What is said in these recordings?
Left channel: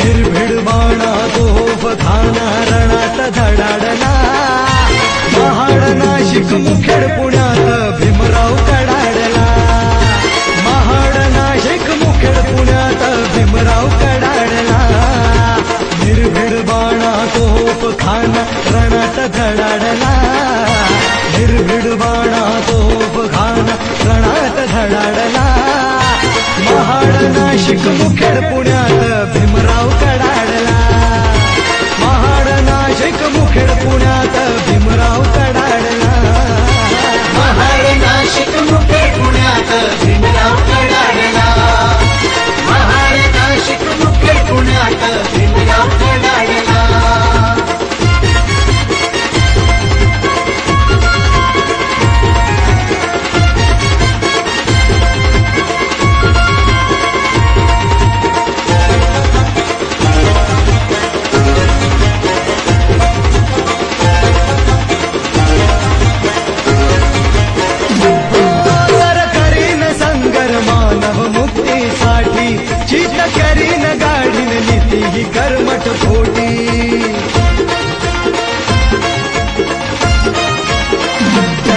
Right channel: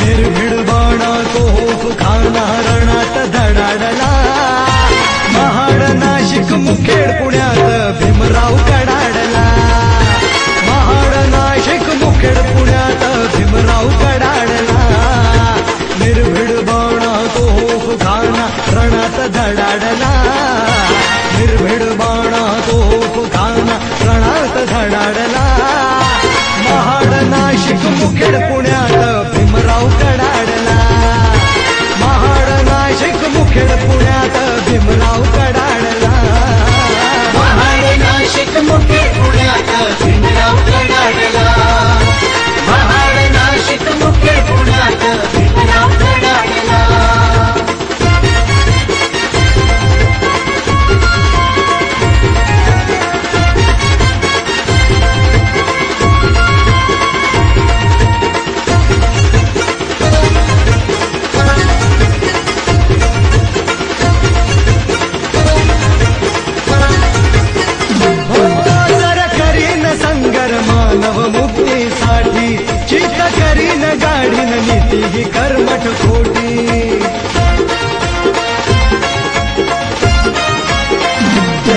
निर्भीड बाणा तोफ घालता रणात धडाडला महाड नाशिक मुखेड पुण्यात भीमराव कडाडला महाड नाशिक मुखेड पुण्यात भीमराव कडाडला निर्भीड बाणा तोफ घालता रणात धडाडला निर्भीड बाणा तोफ घालता रणात धडाडला महाड नाशिक मुखेड पुण्यात भीमराव कडाडला महाड नाशिक मुखेड पुण्यात भीमराव कडाडला महाड नाशिक मुखेड पुण्यात भीमराव कडाडला महाड नाशिक मुखेड पुण्यात भीमराव कडाडला चित करीन गाडीन नीती करपट खोटी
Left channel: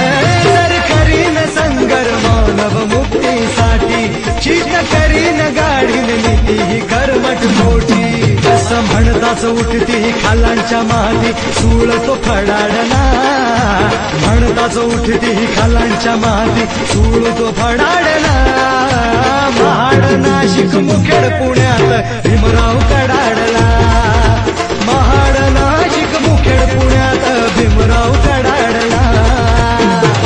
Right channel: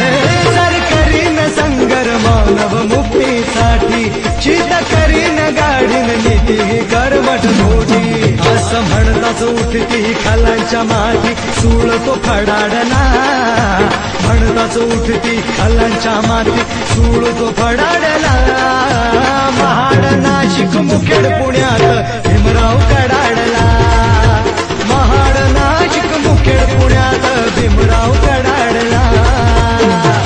करीन संगर मानव मुक्तीसाठी चित करीन गाडीन नीती करपट खोटी असं म्हणताच उठती खालांच्या माती सूळ तो फडाडला म्हणताच उठती खालांच्या माती सूळ तो फडाडला महाड नाशिक मुखेड पुण्यात भीमराव कडाडला महाड नाशिक मुखेड पुण्यात भीमराव कडाडला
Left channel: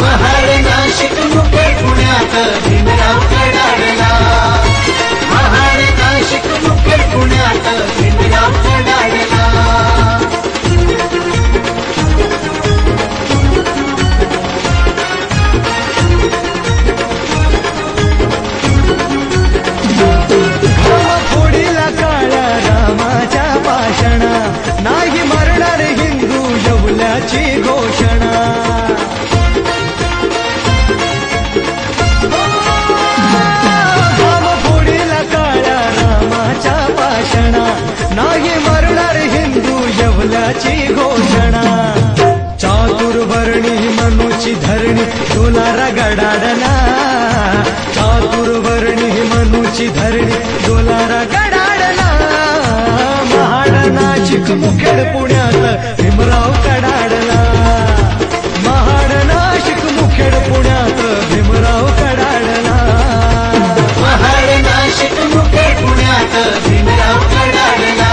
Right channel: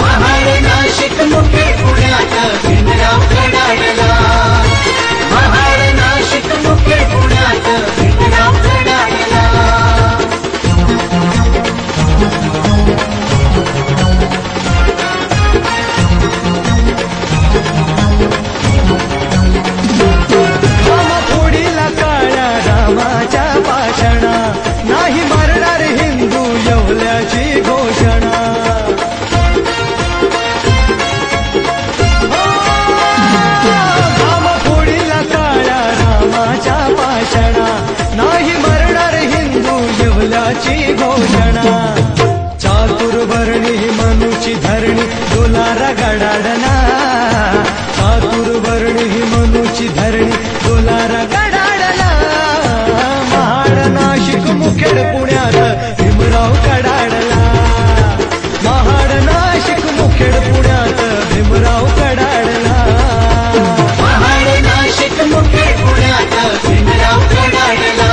महाड नाशिक मुखेड पुण्यात भीमराव कडाडला महाड नाशिक मुखेड पुण्यात भीमराव कडाडला नाही मरणार हिंदू जेवल्याची घोषणा फोडीला काळ्या रामाच्या भाषणा नाही मरणार हिंदू जेवल्याची घोषणा चातुर्वर्णी मनुची धरणी डोलार गडाडला चातुर्वर्णी मनुची धरणी डोलार गडाडला नाशिक मुखेड पुण्यात भीमराव कडाडला महाड नाशिक मुखेड पुण्यात भीमराव कडाडला महाड नाशिक मुखेड पुण्यात भीमराव कडाडला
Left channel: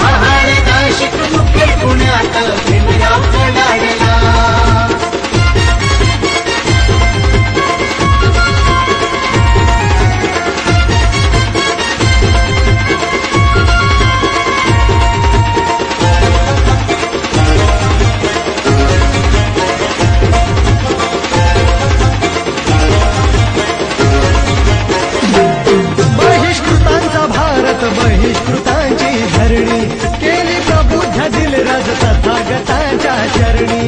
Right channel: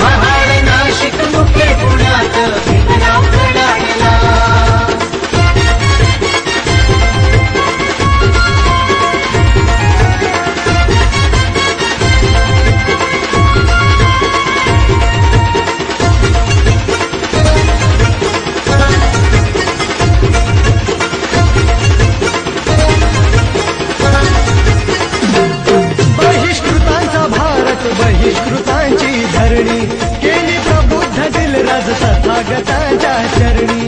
महाड नाशिक मुखेड पुण्यात भीमराव कडाडला बहिष्कृतांची धरणी केली प्रबुद्ध दिलरज तथागतांच्या चरणी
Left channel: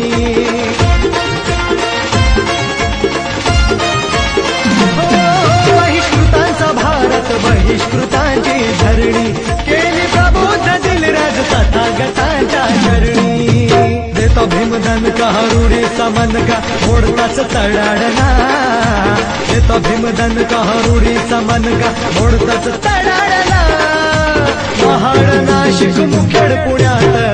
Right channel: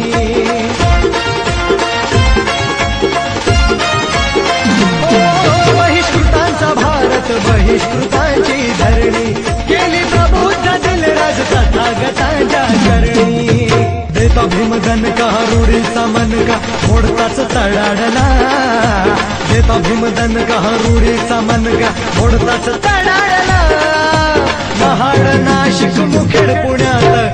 बहिष्कृतांचा भारत बहिष्कृतांची धरणी केली प्रबुद्ध दिलरज तथागतांच्या चरणी देतो भीमदंड का रुढीचा मनका मोडताच तडाडला देतो भीमदंड का रुढीचा मनका मोडताच तडाडला महाड नाशिक मुखेड पुण्यात